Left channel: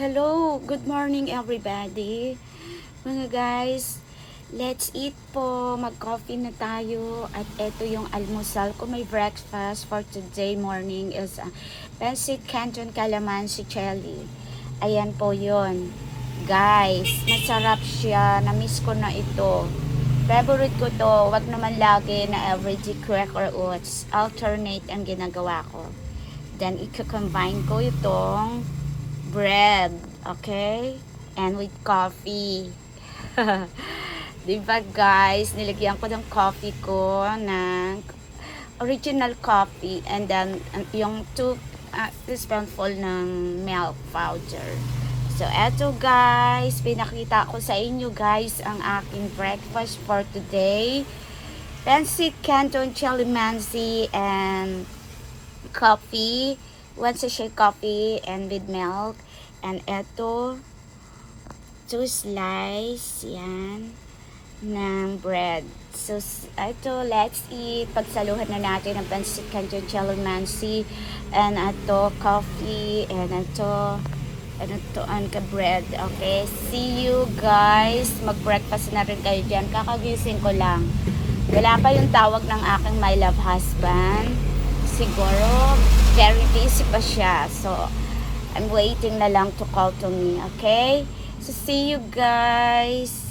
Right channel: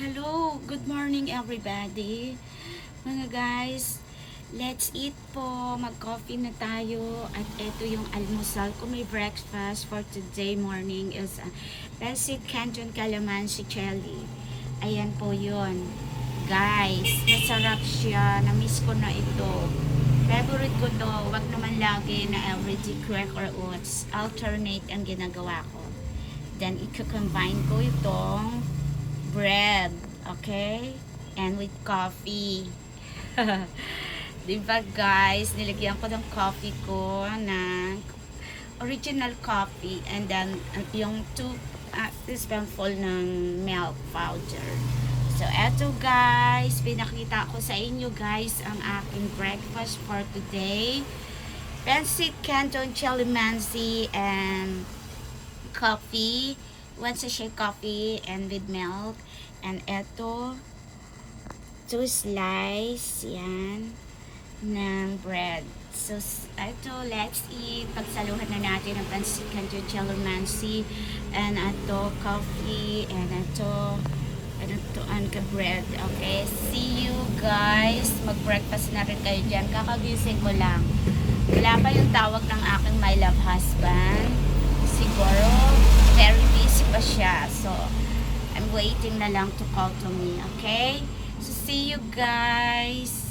Hello, good morning everybody. Mga guys, let's eat po. Mag-coffee na tayo. At ito yung almusal ko. My breakfast for today morning is Pancit Canton Calamansi Jelly. Ayan po yun. Guys, masarap siya. Namiss ko na ito. Favorite ko to. Wag naman lagi na everyday cracker oats. Alternate ang ginagawa ko. Then, i-combine ko itong bread, okay? And with coffee. Diba guys, nilagyan ko ng coffee ko ng original coffee and then yung 2 teaspoonful ng milk powder. So eto guys, pinakita ko sa inyo guys ang aking breakfast for today. Pancit Canton Calamansi and coffee, 1 sachet coffee and with milk. And eto 2 slice yan ng bread. So eto, let's eat. Pagsaluhan na natin ang Pancit Canton Calamansi and eto coffee and eto ang ka-bread. Okay, see you guys. Mag-breakfast na rin kayo dyan. Kakagising ko lang. Wala pa yung tawag ng aking my love husband. Siguro very busy pa siya, so I'm waiting na lang to call to me. Okay, so see you guys.